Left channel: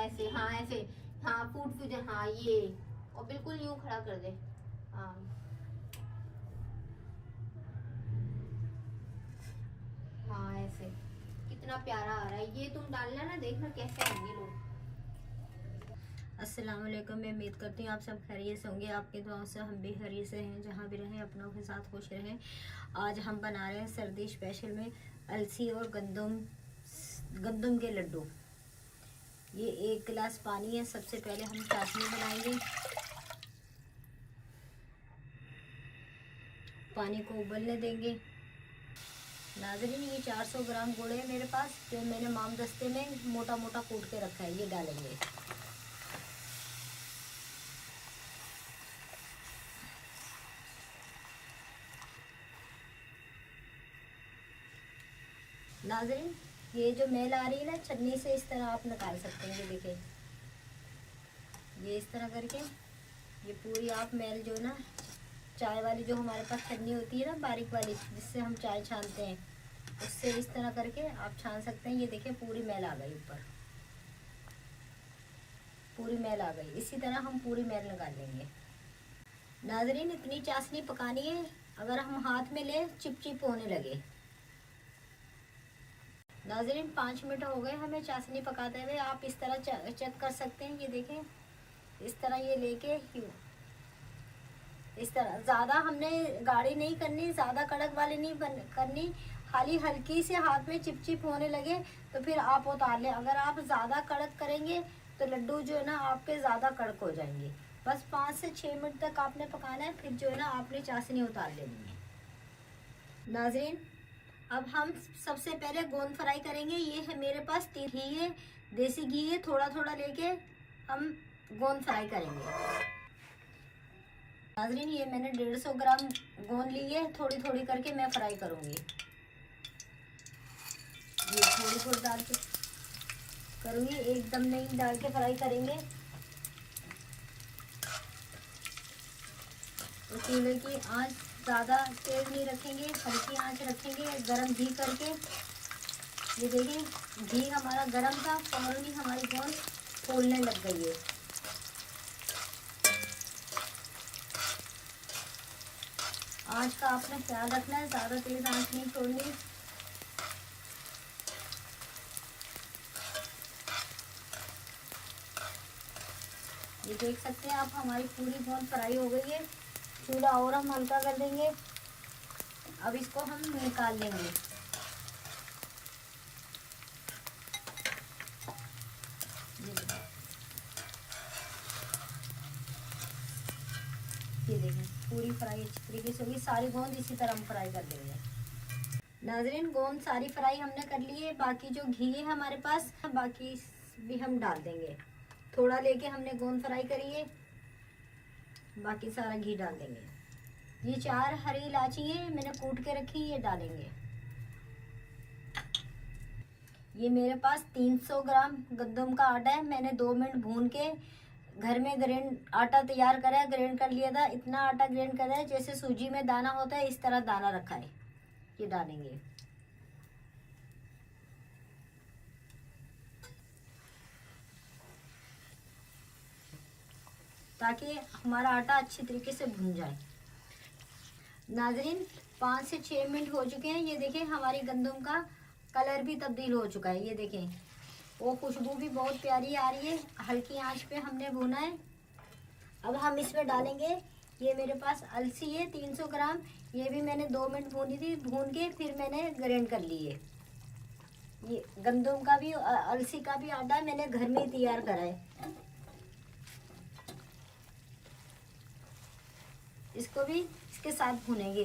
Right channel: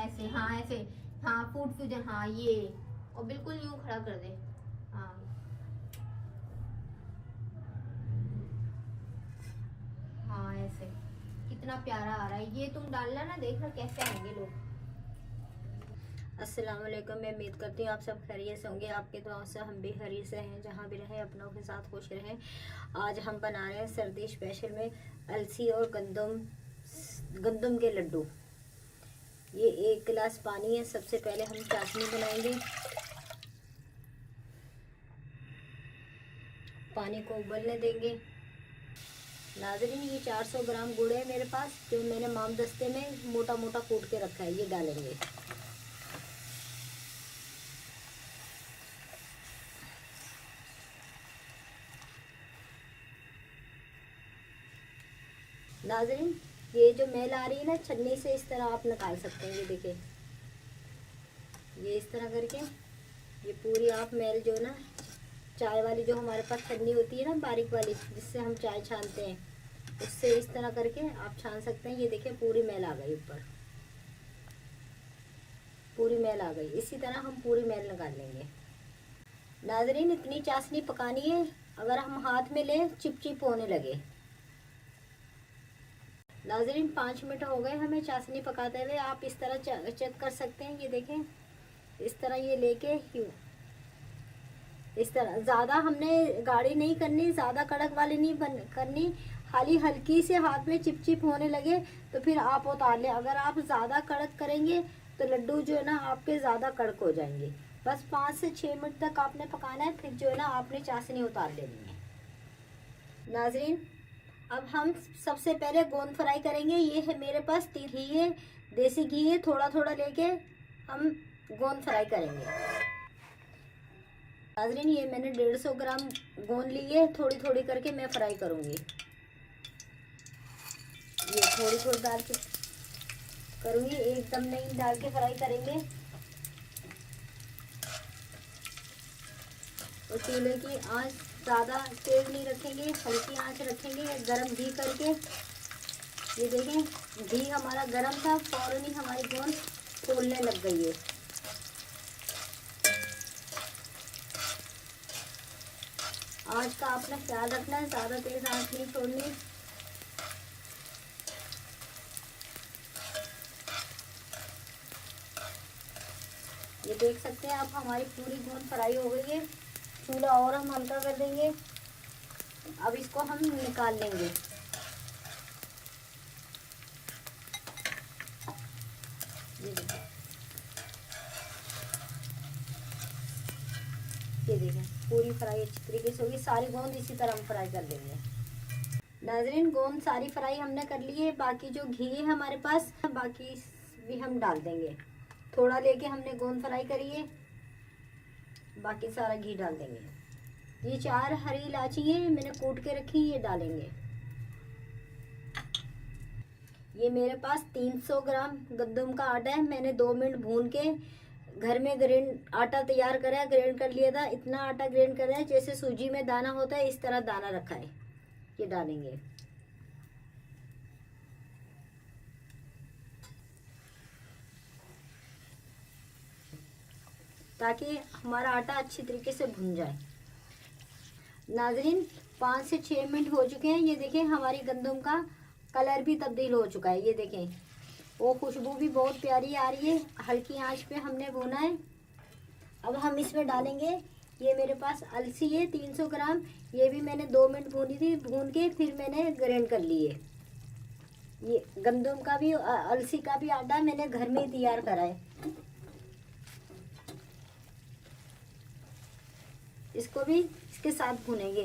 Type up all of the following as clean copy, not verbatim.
ऐसे, हाँ ऐसे, हाँ फूड फ्यूजन, हाँ ये, और बिल्कुल यूं खड़ा कर दे। हाँ हाँ ऐसे, कितना प्यारा आ रहा है। ये तुम डालना ना, देखना कैसे आएंगे लोग। अस्सलाम वालेकुम, मैं उम्मीद करती हूँ आप सब खैरियत से होंगे। आपके दुआओं से हम भी खैरियत से हैं, जहाँ भी रहें अपनों के साथ खुश रहें। आज हम बना रहे हैं सर्दी स्पेशल में अलसी और गंदम के लड्डू। ये 1 गिलास पानी है। सबसे पहले हम चाशनी बनाएंगे। पानी को उबलने देंगे। नाज़रीन, ये 400 ग्राम गुड़ है मेरे पास, जो मैंने माम दस्ते में मोटा मोटा कूट के रखा है। ये डालेंगे। नाज़रीन, ये जो मेल आ रही है ना, छन्नी से इस तरह आप निकाल सकते हैं। ये देखिए, ये इस तरह करके ये पूरी आप मेल जो ना, चाय वाली जो हमारे पास छन्नी होती है ना, बारीक वाली, जिससे हम चाय छानते हैं, उससे इस तरह करके आप छान सकते हैं। ये देखिए, पूरी मेल आ गई ऊपर, पूरी मेल आ गई। इसी तरह हम पूरी मेल निकाल लेंगे। नाज़रीन, इतनी चाशनी पकानी है, अगर हम हाथ में लें चिपचिप होने लगे। नाज़रीन, 5 मिनट हो गए हमें चाशनी पकाते हुए। आप इस तरह चेक कर सकते हैं। ये देखें, इस तरह ये लेके इस तरह, ज़्यादा हमने गाढ़ी नहीं करनी, ज़्यादा कड़क वाली नहीं करनी। खाली हल्की से हाथ में चिपचिप होने लगे तो फिर आप उतार लें। अगर आप ज़्यादा कड़क करेंगे तो लड्डू जो है ना आपके ज़्यादा कड़क हो जाएंगे। बस 5 से 6 मिनट तक आपने पकाना है, फिर जो है ना आपने चाशनी उतार लेनी है। नाज़रीन, अब हम सबसे पहले गोंद फ्राई करेंगे। ये है मेरे पास घी है, देसी घी है। थोड़ा थोड़ा लेके हम गोंद फ्राई करेंगे। नाज़रीन, ये मैंने 150 ग्राम गोंद ली है। थोड़ी थोड़ी करके मैं फ्राई करूंगी। ये थोड़ी थोड़ी डाल के करूंगी, एकदम नहीं डाल के फ्राई करेंगे। तो चूल्हे की आंच ज़्यादा तेज नहीं रखेंगे, हल्की आंच रखेंगे, गरम घी करके। ये देखिए, घी हमारा गरम था, फौरन ही हमारी गोंद फूलने लग गई है। आंच का आपने ख्याल रखना है, ज़्यादा तेज आंच नहीं छोड़नी। ये देख सकते हैं आप, हमारी पूरी गोंद फ्राई हो गई है। चूल्हा और हम हल्का कर देंगे। अब इसको हम निकाल लेंगे। ये देखें, पूरी फ्राई अच्छी तरीके से होगी। सारी गोंद इसी तरह हम फ्राई कर लेंगे। नाज़रीन, गोंद सारी फ्राई हमने कर ली है। बाकी जो घी है हमारे पास, बाकी भी हम डाल देंगे। थोड़ा लेके हमने गोंद फ्राई करी है, बाकी सारा घी डाल देंगे। ये 4 हरी इलायची है, मैंने कूट के रखी, ये डालेंगे। ये मेरे पास 300 ग्राम गंदम का आटा है। मैंने 2 मिनट भून के घर में आटा तैयार करा है, ग्राइंड कर लिया था। इतना आटा ग्राइंड करा है जैसे सूजी में दाना होता है, इस तरह दाना रखा है। ये डालेंगे। ताकि हमारा आटा अच्छी तरीके से भुन जाए। नाज़रीन, 5 से 6 मिनट हो चुके हैं। ये देखें, हमारी गंदम का कलर भी तब्दील हो चुका है। ये देखें, वो खुशबू भी बहुत प्यारी आ रही है। हल्की आंच पे हमने भुना है। अब हम इसमें डालेंगे, ये मेरे पास अलसी है 300 ग्राम। ये भी मैंने 2 मिनट भूनी थी, भून के फिर मैंने ग्राइंड कर ली है। ये गंदम का भी अलसी का भी आटा मैंने घर में ही तैयार करा है। इसको भी इसके साथ भूनेंगे।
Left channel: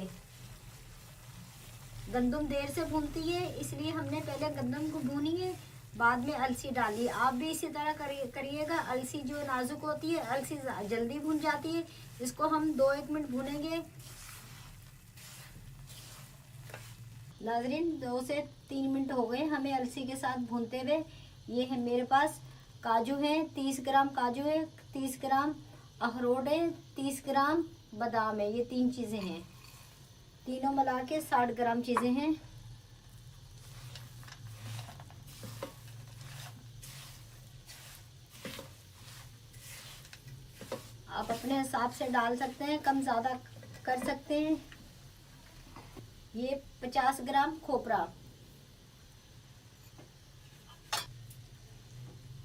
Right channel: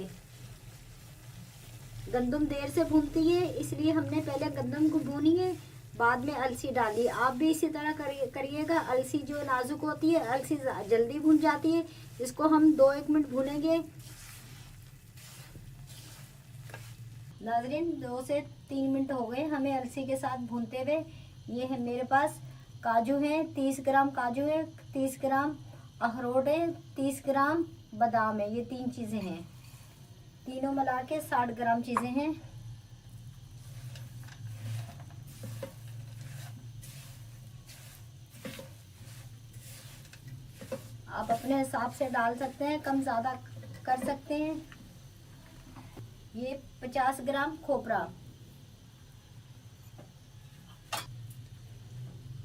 गंदम देर से भूनती है, इसलिए हमने पहले गंदम को भूनी है, बाद में अलसी डाली। आप भी इसी तरह करिएगा। अलसी जो नाजुक होती है, अलसी जल्दी भून जाती है। इसको हम 2-1 मिनट भूनेंगे। नाज़रीन, 2 से 3 मिनट हो गए हमें अलसी के साथ भूनते हुए। ये है मेरे पास काजू है, 30 ग्राम काजू है, 30 ग्राम अखरोट है, 30 ग्राम बादाम है। ये 3 चीज़ें हैं, तीनों मिला के 60 ग्राम चीज़ें हैं। आप अपने हिसाब से डाल सकते हैं, कम ज़्यादा कर सकते हैं। ये 50 ग्राम खोपरा,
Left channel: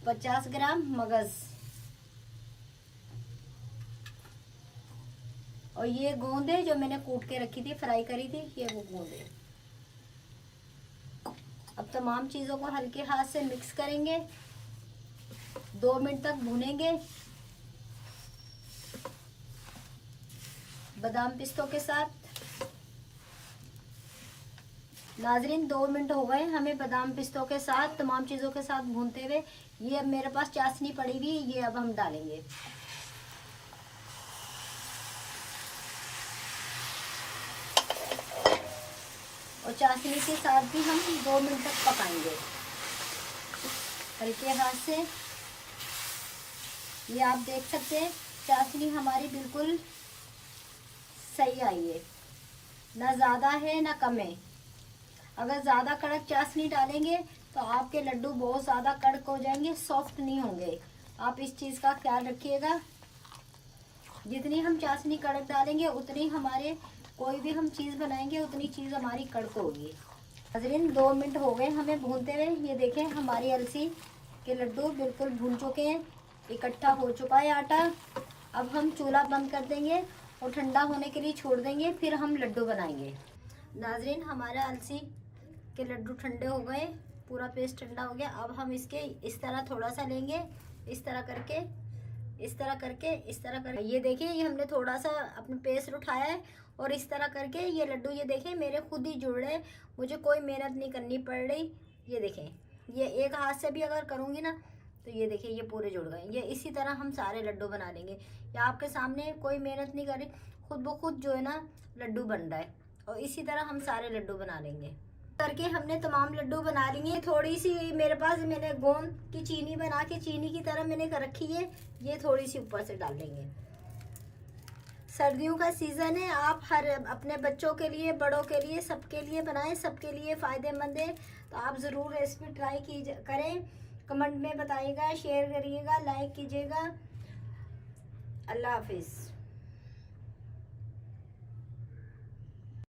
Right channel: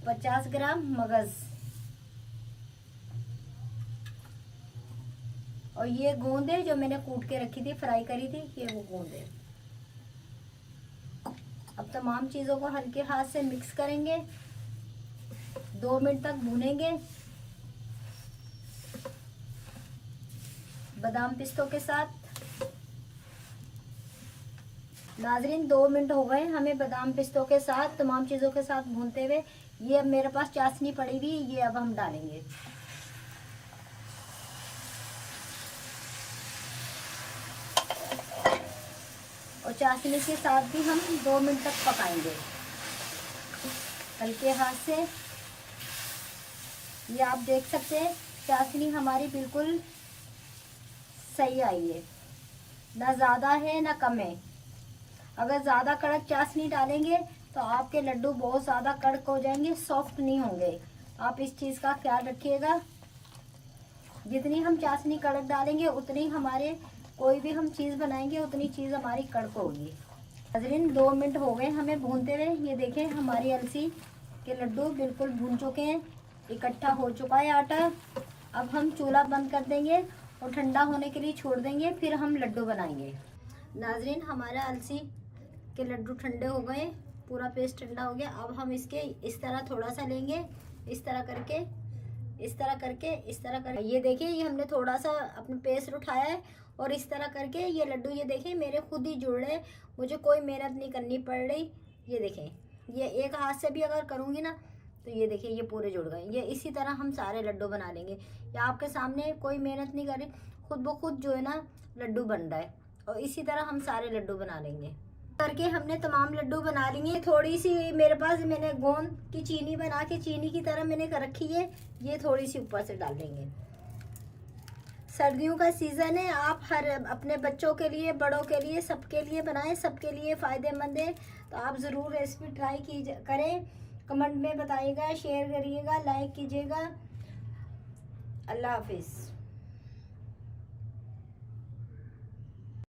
50 ग्राम मगज, और ये गोंदे जो मैंने कूट के रखी थी, फ्राई करी थी, ये वो गोंदे। अब तमाम चीज़ों को हल्के हाथ से मिक्स करेंगे, 2 मिनट तक भूनेंगे बादाम पिस्तों के साथ। नाजरीन 2 मिनट हो गए हमें बादाम पिस्तों के साथ तमाम चीज़ों के साथ भूनते हुए। ये अब मेरे पास चाशनी पड़ी हुई, ये अब हम डालेंगे। और चाशनी के साथ भी हम 2 मिनट तक पकाएंगे हल्के हाथ से। ये आप देख सकते हैं चाशनी हमारी बिल्कुल सही आई है, ना ज़्यादा है ना कम है। अगर ज़्यादा कड़क चाशनी डालेंगे तो आपके लड्डू बहुत ज़्यादा कड़क हो जाएंगे, सॉफ्ट नहीं होंगे। आप इस चीज़ का ख्याल रखिएगा। जितनी हम चाशनी कड़क डालेंगे उतनी हमारे कोई भी हम चीज़ बनाएंगे उतनी चीज़ हमारी कड़क होगी। नाज़रीन 2 मिनट हो गए हमें भूनते हुए। ये देखें हमारी अलसी के लड्डू बिल्कुल भून चुके हैं, इकट्ठा हो चुका है आटा। अब हम चूल्हा बंद कर देंगे और ठंडा होने के लिए छोड़ देंगे, फिर हम लड्डू बनाएंगे। नाज़रीन हमारा अलसी के लड्डू ठंडे हो गए, पूरा पेस्ट ठंडा हो गया। अब हम इसके इस तरह थोड़ा सा लेंगे, इस तरह करके, इस तरह करके, इस तरह करके। ये देखिए ये हमने थोड़ा सा अपने पेस्ट उठाया है और इस तरह करके ये लड्डू, ये देखें मेरे खुद ही जुड़ रहे, मुझे कोई मेहनत नहीं करनी पड़ रही। ये देखें, ये एक हाथ से भी अगर करूँगी ना तो ये देखिए ये पूरे जुड़ गए। ये इसी तरह हम सारे लड्डू बना लेंगे। ये आपके सामने कोई मेहनत नहीं कर रही, खुद ब खुद जो है ना लड्डू बन रहा है। और इसी तरह हम सारे लड्डू बना लेंगे। करके हमने तमाम लड्डू बना लेंगे। थोड़ी सी मेरे पास मैंने गोंद की चीनी बना के चीनी की तरह मैंने कर रखी है, ये थोड़ी सी ऊपर से डाल देंगे। सर्दियों का सीज़न है, आप हर अपने बच्चों के लिए, बड़ों के लिए, सबके लिए बनाएं, सबके लिए फ़ायदेमंद है। तो आप ज़रूर रेसिपी ट्राई करें, कमेंट में बताइएगा, शेयर करिएगा, लाइक कीजिएगा। अल्लाह हाफिज़।